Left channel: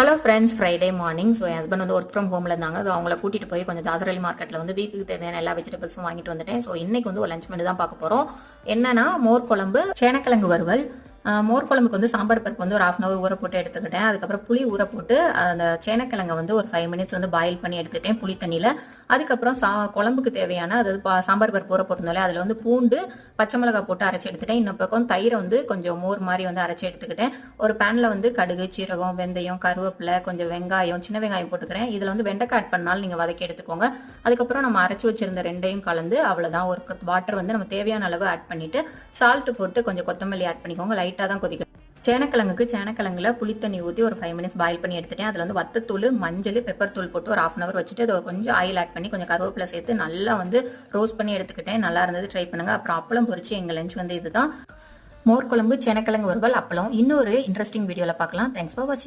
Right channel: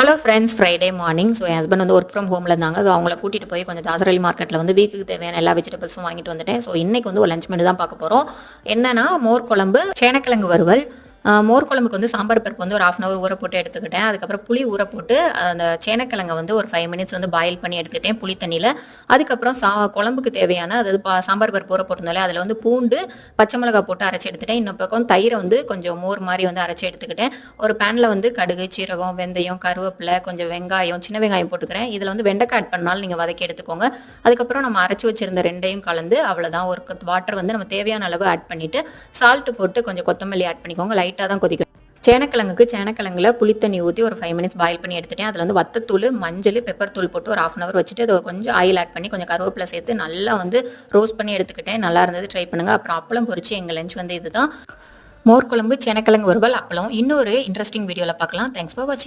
Hello friends, Friday morning. So என் husband வந்து work from ஹோமில் இருந்தாங்க. ஸோ அவங்கள கூட்டிகிட்டு போய் கொஞ்சம் தாசரலி மார்க்கெட்டில் வந்து வீக்குக்கு தேவையான எல்லா வெஜிடபிள்ஸும் வாங்கிட்டு வந்துட்டேன். ஸோ இன்றைக்கி வந்து ஒரு லஞ்ச் மெனு தான் பார்க்க போகிறோம். என்னென்னா மோர் குழம்பு, சேனக்கிழங்கு வறுவல். மோர் குழம்புக்கு வந்து சாம்பார் பருப்பு வந்து ஒரு 1/2 அன் ஊற போட்டு எடுத்துக்கிட்டேன். அதுக்கப்புறம் புளி ஊற போட்டு அந்த சேனக்கிழங்கை வந்து ஒரு 5 மினிட்ஸ் வந்து பாயில் பண்ணி எடுத்துக்கிட்டேன் புளி தண்ணியில். அதுக்கப்புறம் குழம்புக்கு தேவையான, அதாவது சாம்பார் பருப்பு ஊற போட்டிருந்தாலே அதில் வந்து பூண்டு, பச்சை மிளகாய் போட்டு அரைச்சி எடுத்துட்டேன். இன்னும் பக்கம் தயிரை வந்து கொஞ்சம் மோர் மாதிரி வந்து அரைச்சி எடுத்துக்கிட்டேன். ஒரு பேனில் வந்து கடுகு, சீரகம், வெந்தயம், கருவேப்பிலை, கொஞ்சம் வெங்காயம், சின்ன வெங்காயம் போட்டுக்கிறேன். இதில் வந்து வெண்டைக்காய் ஆட் பண்ணாலும் நீங்கள் வதக்கி எடுத்துக்கோங்க. அதுக்கப்புறம் நம்ம அரைச்சி வச்சிருந்த ரெண்டையும் கலந்து அவ்வளோதான். ஒரு வாட்டர் வந்து நம்ம தேவையான அளவு ஆட் பண்ணிவிட்டு சால்ட்டு போட்டு கொஞ்சம் கொத்தமல்லி ஆட் பண்ணிக்கோங்க. லைட்டாக தான் கொதிக்கும். சேனக்கிழங்குல புளித்தண்ணி ஊற்றி ஒரு 5 மினிட்ஸ் பாயில் பண்ணி எடுத்துட்டேன். அதில் வந்து வத்தத்தூள், மஞ்சள், பெப்பர் தூள் போட்டு ஒரு 1/2 அன் ஹவர் வச்சுட்டு அதை கொஞ்சம் ஆயில் ஆட் பண்ணி கொஞ்சம் கருவேப்பிலை சேர்த்து நல்லா வந்து ரோஸ்ட் பண்ணி எடுத்துக்கிட்டேன். நல்லா இருந்தது, ட்ரை பண்ணுங்கள். அப்புறம் அப்பளம் பொரிச்சு எங்கள் லஞ்ச் வந்து இதுதான். மோர் குழம்பு, சேனக்கிழங்கு வறுவல், அப்பளம். இன்னொரு இன்ட்ரெஸ்டிங் வீடியோவில் பார்க்கலாம். தேங்க்ஸ் ஃபார் வாட்சிங்.